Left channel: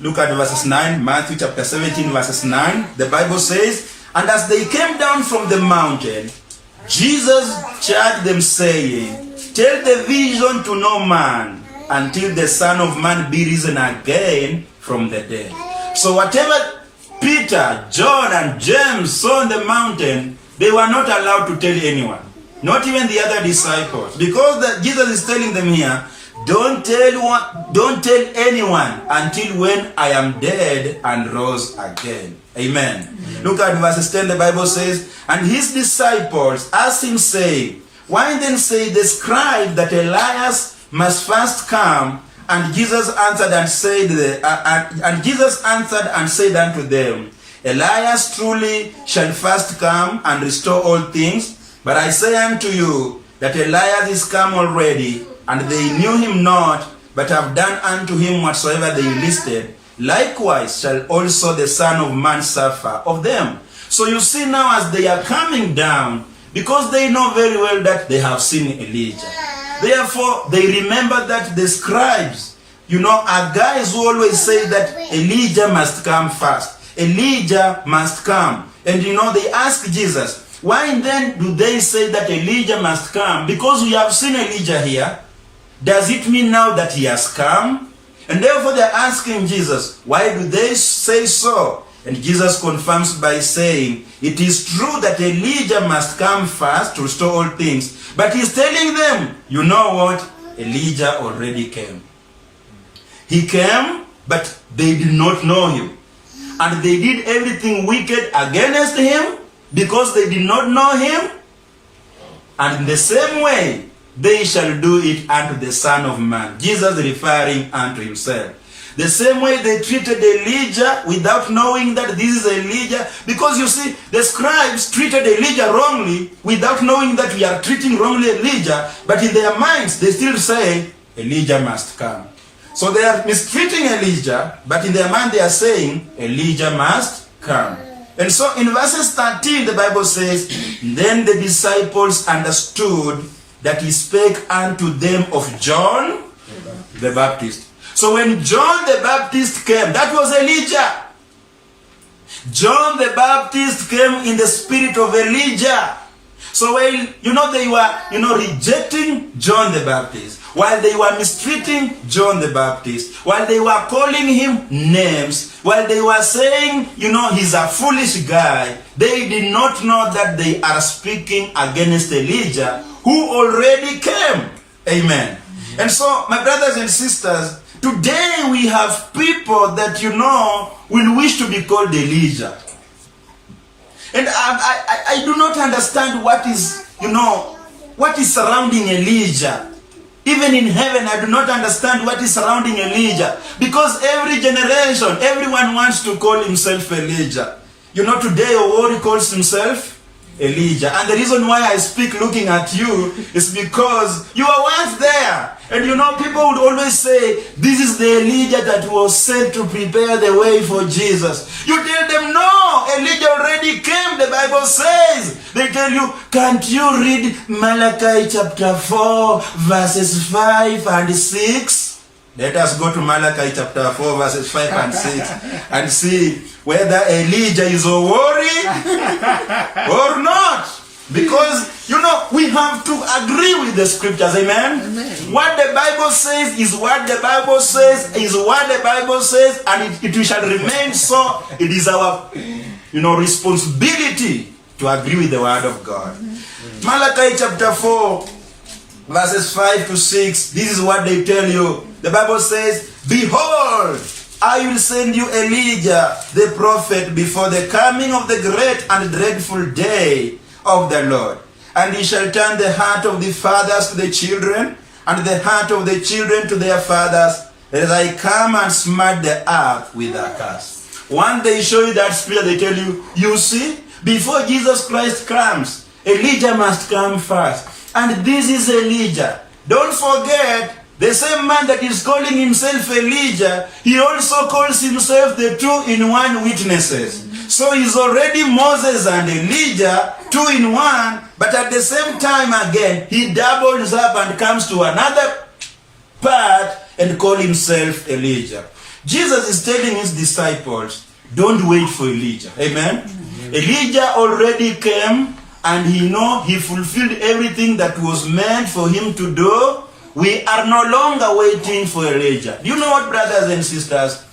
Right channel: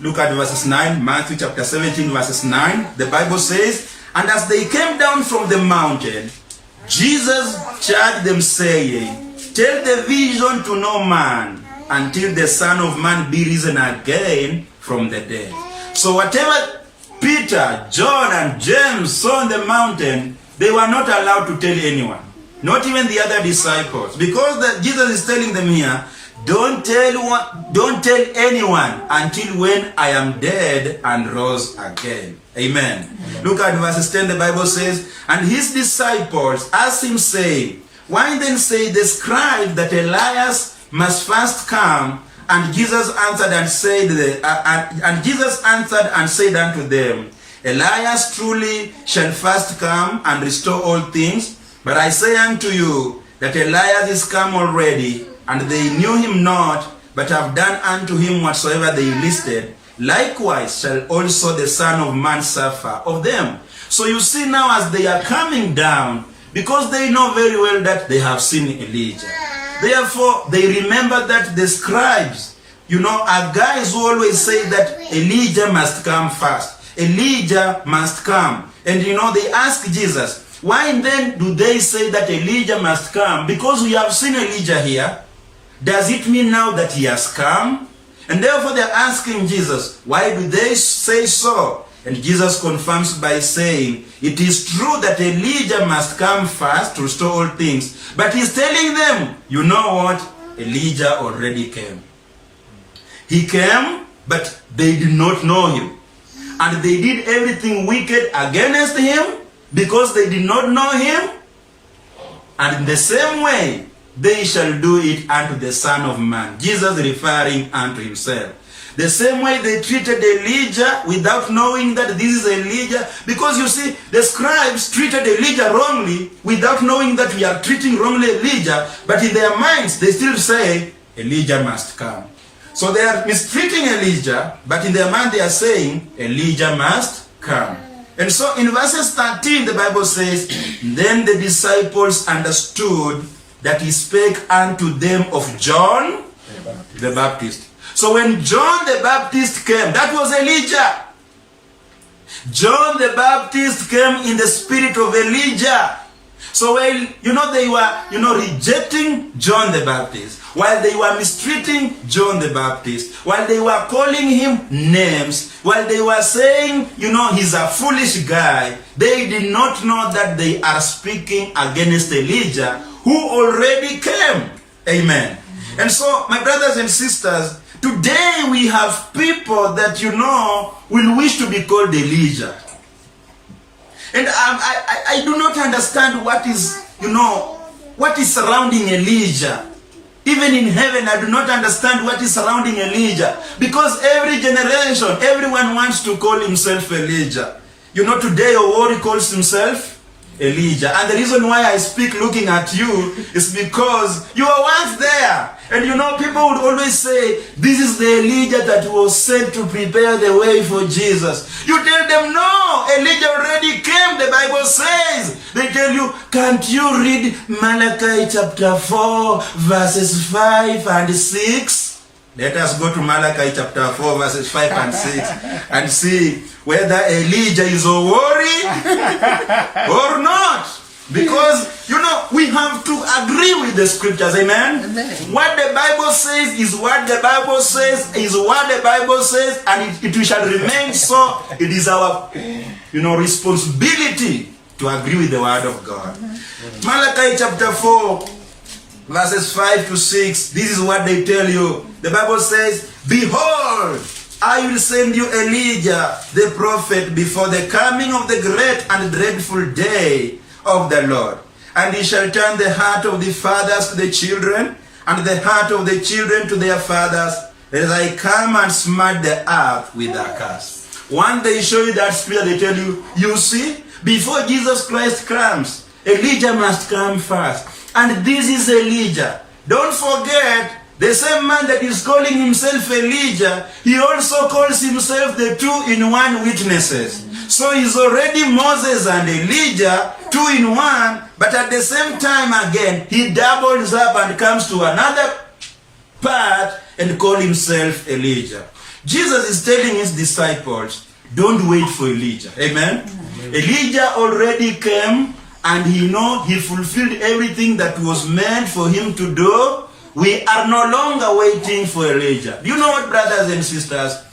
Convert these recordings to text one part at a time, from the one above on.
Look at verses 9, Matthew chapter 17, verses 9. The Bible says, and as they came down from the mountain, Jesus charged them, saying, tell the vision to no man until the Son of Man be risen again from the dead. So whatever Peter, John, and James saw on the mountain, they were not allowed to tell anyone. Not even the other disciples. Because Jesus is telling them here, don't tell anyone until when I am dead and rose again. Amen. Look at verses 10, the Bible says, and his disciples asked him, saying, why then say the scribe that Elias must first come? And Jesus answered and said unto them, Elias truly shall first come and restore all things. But I say unto you that Elias is come already, and they knew him not, but have done unto him whatsoever they listed. Likewise shall also the Son of Man suffer of them. So you see now, as they are coming down, because they know very well that they have seen Elijah. Therefore, they remember that the scribes, are guys who always say that Elijah must come first. Elijah must come. And they ask Jesus, why then do they say that Elijah must come? Because we have seen Elijah here. Does it mean now that he has come? And therefore they are asking Jesus, why do they say so? And Jesus confirms by saying, it is true that Elijah must come first to restore all things. But he's telling them, you know what? Elijah already came. He came, but they did not know him. And they did everything wicked against him because they did not know him. And in the same way, they shall do it unto the Son of Man. Jesus referring unto himself. The same way they treated Elijah without knowing that this is Elijah. Because you see, the scribes treated Elijah wrongly without knowing that we are treating wrongly Elijah. But in their minds, they still say, Elijah must come. So they are mistreating Elijah, but in their mind they are saying, Elijah must come. And so in verses 13, the Bible says, then the disciples understood that he spake unto them of John the Baptist. So when John the Baptist came, that was Elijah. John the Baptist came in the spirit of Elijah. So while, they were, rejecting John the Baptist, while they were mistreating John the Baptist, while they were calling him names, while they were saying, he's a foolish guy, they did not know that they are speaking against Elijah, who already came. Amen. And so, my brothers and sisters, today we have people that, will wish to be called Elijah. And I do not understand what is surrounding Elijah. Even in heaven, I do not understand what is surrounding Elijah. Because every generation, everyone wants to call himself Elijah. Today Owori calls himself Elijah. And the reason why I speak looking at you is because you were once there. And people would always say, this is the Elijah that was sent to prepare the way for Jesus. You tell them, no, Elijah already came, the Bible says. They tell you, can't you read Malachi chapter 4, verses 5 and 6? Let us go to Malachi chapter 4, verses 5 and 6 and see whether Elijah is a worry or not. Because, we have to agree with the scriptures, amen? What the Bible says is what the Bible says, is what the Bible says, and it shall remain so. It is our, responsibility to agree with the word of God. Malachi chapter 4, verses 5 to 6, this is what they tell you. The Bible says, behold, I will send you Elijah, the prophet, before the coming of the great and dreadful day of the Lord. And he shall turn the heart of the fathers to the children, and the heart of the children to their fathers, as I come and smite the earth with a curse. One day show you that spirit, they tell you, you see, before Jesus Christ comes, Elijah must come first. And this is Elijah. Don't forget, the same man that is calling himself Elijah, he also calls himself the two-in-one witnesses. So he's already Moses and Elijah, two in one, but at the same time again, he doubles up and comes to another part and call himself Elijah. Jesus is telling his disciples, don't wait for Elijah. Amen? Elijah already came, and he fulfilled everything that was meant for him to do. We are no longer waiting for Elijah. Do you know what, brothers and sisters?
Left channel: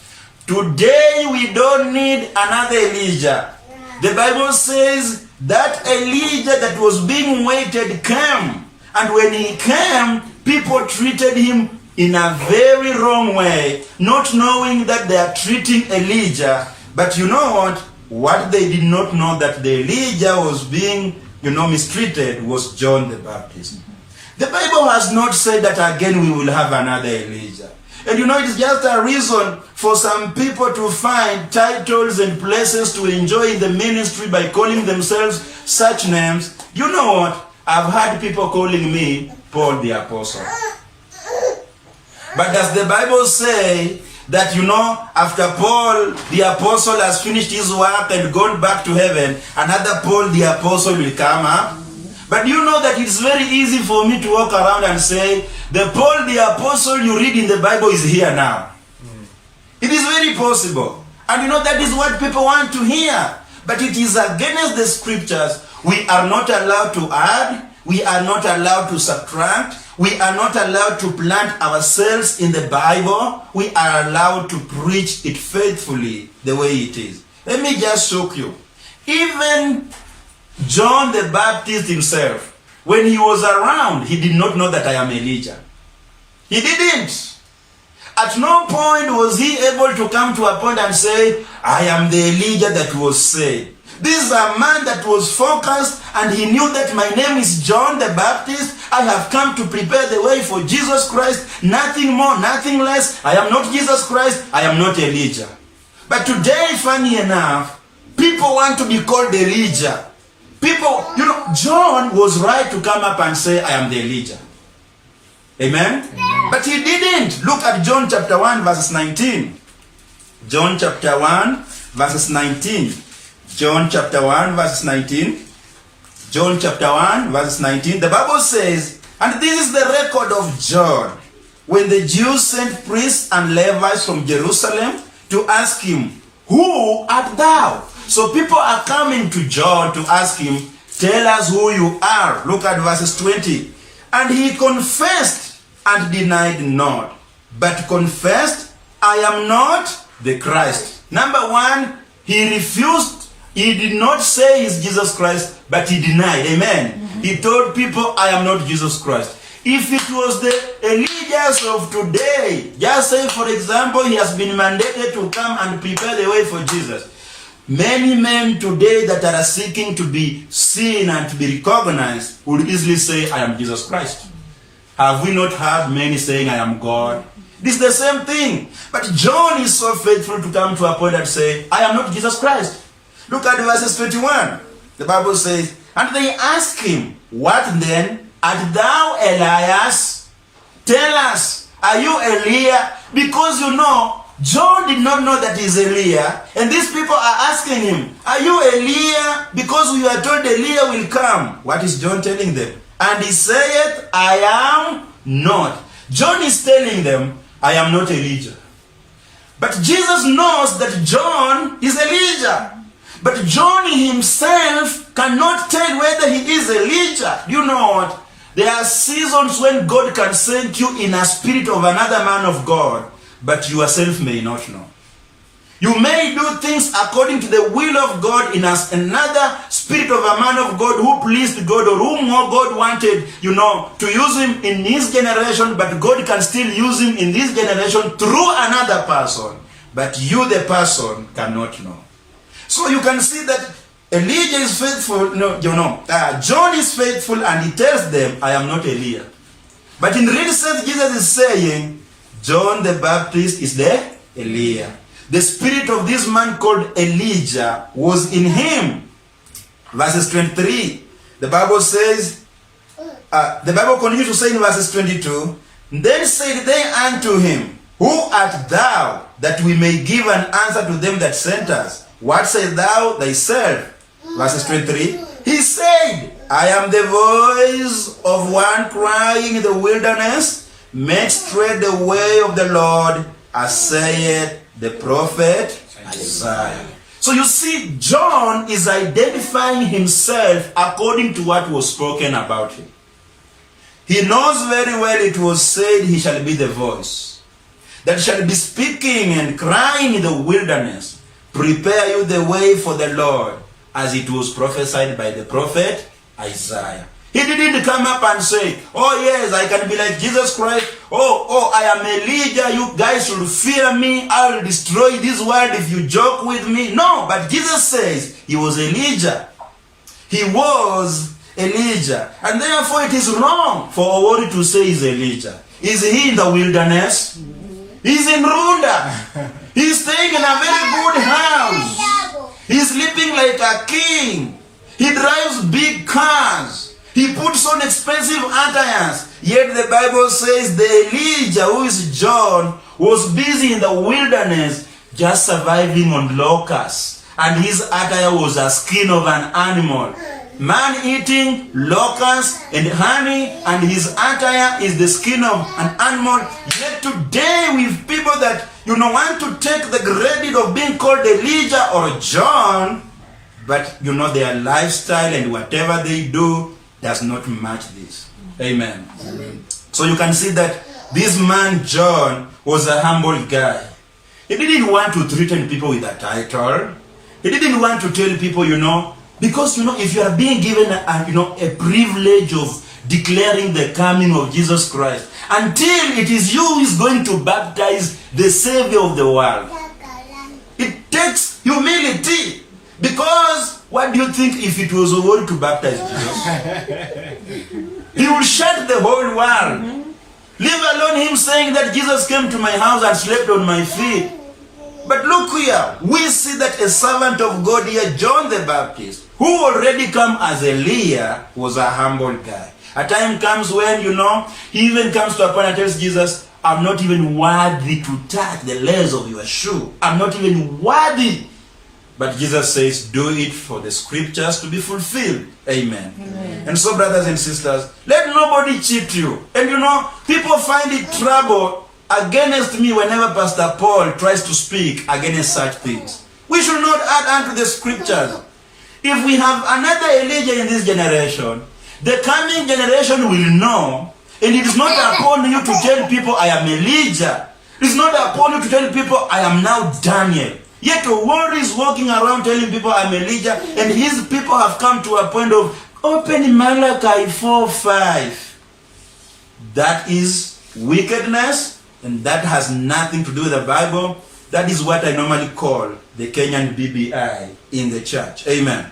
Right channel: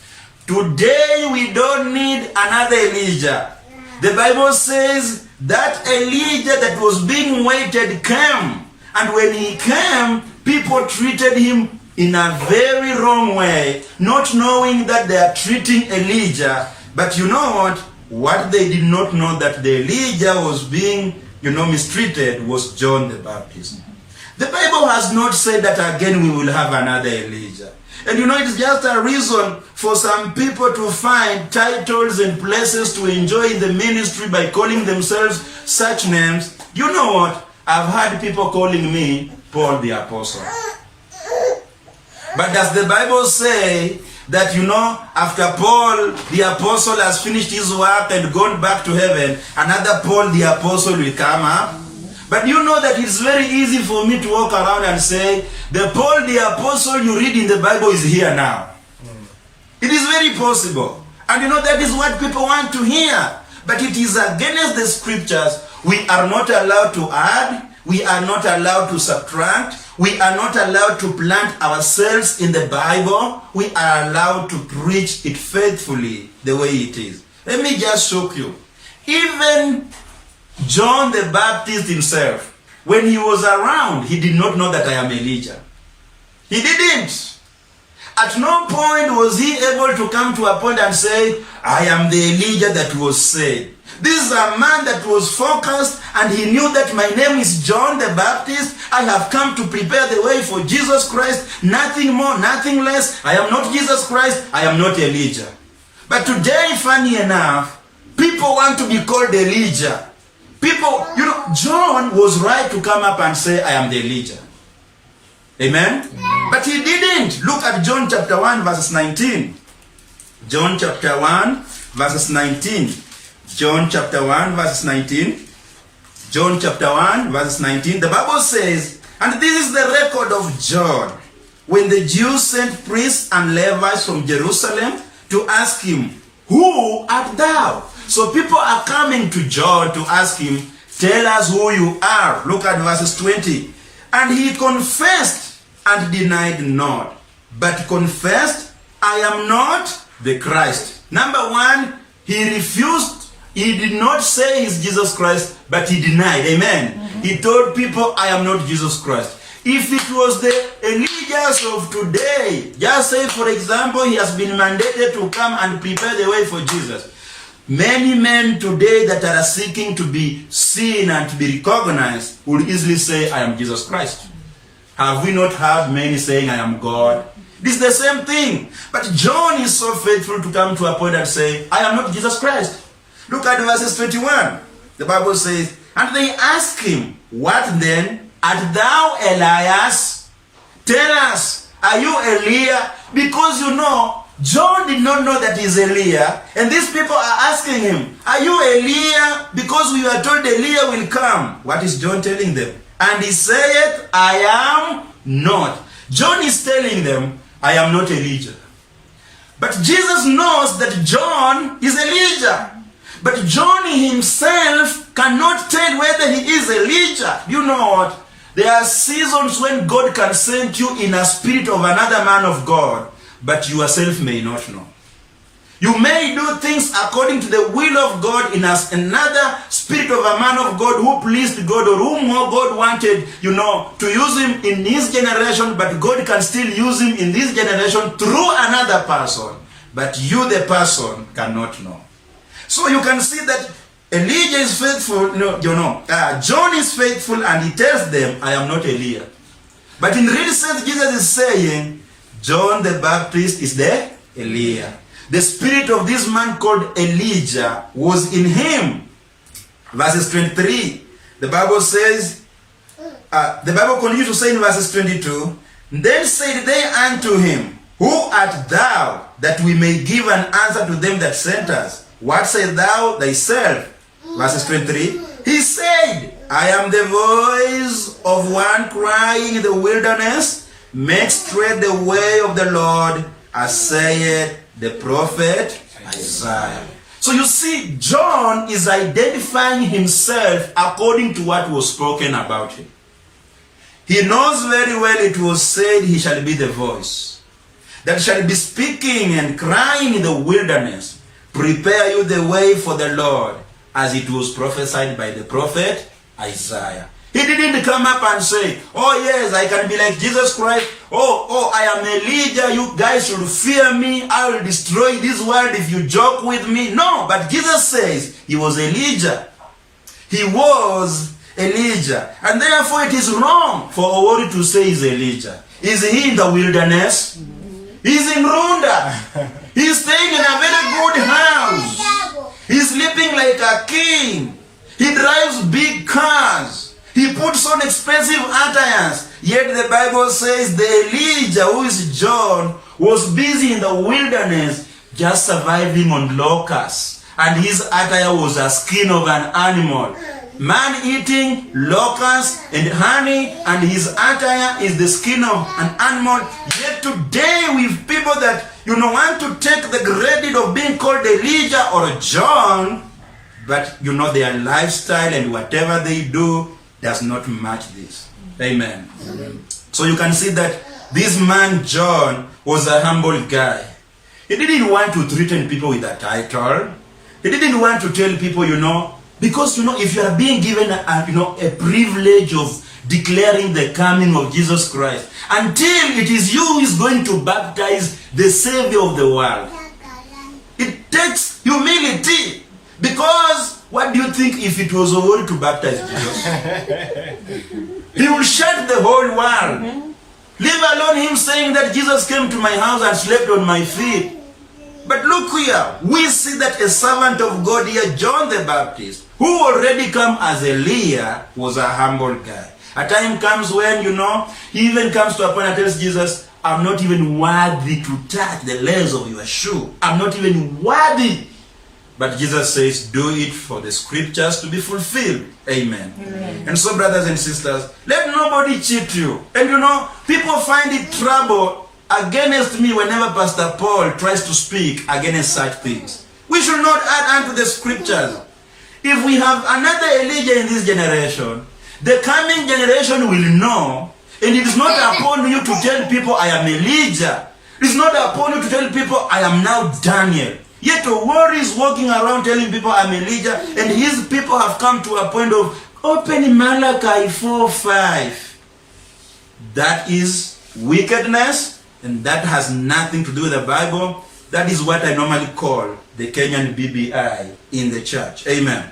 Today we don't need another Elijah. The Bible says that Elijah that was being waited came. And when he came, people treated him in a very wrong way, not knowing that they are treating Elijah. But you know what? What they did not know, that the Elijah was being, mistreated, was John the Baptist. The Bible has not said that again we will have another Elijah. And it's just a reason for some people to find titles and places to enjoy in the ministry by calling themselves such names. You know what? I've had people calling me Paul the Apostle. But does the Bible say that, after Paul the Apostle has finished his work and gone back to heaven, another Paul the Apostle will come up? But you know that it's very easy for me to walk around and say, the Paul the Apostle you read in the Bible is here now. It is very possible. And that is what people want to hear. But it is against the scriptures. We are not allowed to add. We are not allowed to subtract. We are not allowed to plant ourselves in the Bible. We are allowed to preach it faithfully the way it is. Let me just shock you. Even John the Baptist himself, when he was around, he did not know that I am Elijah. He didn't. At no point was he able to come to a point and say, I am the Elijah that was said. This is a man that was focused, and he knew that my name is John the Baptist. I have come to prepare the way for Jesus Christ. Nothing more, nothing less. I am not Jesus Christ. I am not Elijah. But today, funny enough, people want to be called Elijah. People, John was right to come up and say, I am the Elijah. Amen? But he didn't. Look at John chapter 1 verses 19. John chapter 1 verses 19. John chapter 1 verses 19. John chapter 1 verses 19. The Bible says, and this is the record of John, when the Jews sent priests and Levites from Jerusalem to ask him, who art thou? So people are coming to John to ask him, tell us who you are. Look at verses 20. And he confessed and denied not, but confessed, I am not the Christ. Number one, he refused. He did not say he's Jesus Christ, but he denied. Amen. He told people, I am not Jesus Christ. If it was the Elijahs of today, just say, for example, he has been mandated to come and prepare the way for Jesus. Many men today that are seeking to be seen and to be recognized will easily say, I am Jesus Christ. Have we not heard many saying, I am God? This is the same thing. But John is so faithful to come to a point and say, I am not Jesus Christ. Look at verses 21. The Bible says, and they ask him, what then? Art thou Elias? Tell us, are you Eliah? Because John did not know that he's Eliah. And these people are asking him, are you Eliah? Because we are told Eliah will come. What is John telling them? And he saith, I am not. John is telling them, I am not Elijah. But Jesus knows that John is Elijah. But John himself cannot tell whether he is Elijah. You know what? There are seasons when God can send you in a spirit of another man of God, but you yourself may not know. You may do things according to the will of God in another spirit of a man of God who pleased God or whom God wanted, to use him in his generation, but God can still use him in this generation through another person. But you, the person, cannot know. So you can see that Elijah is faithful, John is faithful, and he tells them, I am not Elijah. But in real sense, Jesus is saying, John the Baptist is the Elijah. The spirit of this man called Elijah was in him. Verses 23, the Bible says, the Bible continues to say in verses 22, then said they unto him, who art thou, that we may give an answer to them that sent us? What sayest thou thyself? Verses 23, he said, I am the voice of one crying in the wilderness, make straight the way of the Lord, as saith the prophet Isaiah. So you see, John is identifying himself according to what was spoken about him. He knows very well it was said he shall be the voice that shall be speaking and crying in the wilderness, prepare you the way for the Lord, as it was prophesied by the prophet Isaiah. He didn't come up and say, oh yes, I can be like Jesus Christ. Oh, I am Elijah. You guys should fear me. I will destroy this world if you joke with me. No, but Jesus says he was Elijah. He was Elijah. And therefore it is wrong for Owori to say he's Elijah. Is he in the wilderness? He's in Runda. He's staying in a very good house. He's sleeping like a king. He drives big cars. He puts on expensive attires. Yet the Bible says the Elijah, who is John, was busy in the wilderness just surviving on locusts. And his attire was a skin of an animal. Man eating locusts and honey, and his attire is the skin of an animal. Yet today with people that want to take the credit of being called Elijah or John, but their lifestyle and whatever they do does not match this. Amen. Amen. So you can see that this man John was a humble guy. He didn't want to threaten people with a title. He didn't want to tell people, because if you are being given a privilege of declaring the coming of Jesus Christ, until it is you who is going to baptize the Savior of the world, it takes humility. Because what do you think if it was Owori to baptize Jesus? He will shut the whole world. Leave alone him saying that Jesus came to my house and slept on my feet. But look here, we see that a servant of God here, John the Baptist, who already come as Elijah, was a humble guy. A time comes when, he even comes to a point and tells Jesus, I'm not even worthy to touch the layers of your shoe. I'm not even worthy. But Jesus says, do it for the scriptures to be fulfilled. Amen. Amen. And so, brothers and sisters, let nobody cheat you. And people find it trouble against me whenever Pastor Paul tries to speak against such things. We should not add unto the scriptures. If we have another Elijah in this generation, the coming generation will know, and it is not upon you to tell people I am Elijah. It is not upon you to tell people I am now Daniel. Yet Owori is walking around telling people I'm Elijah, and his people have come to a point of open Malachi 4:5. That is wickedness, and that has nothing to do with the Bible. That is what I normally call the Kenyan BBI in the church. Amen.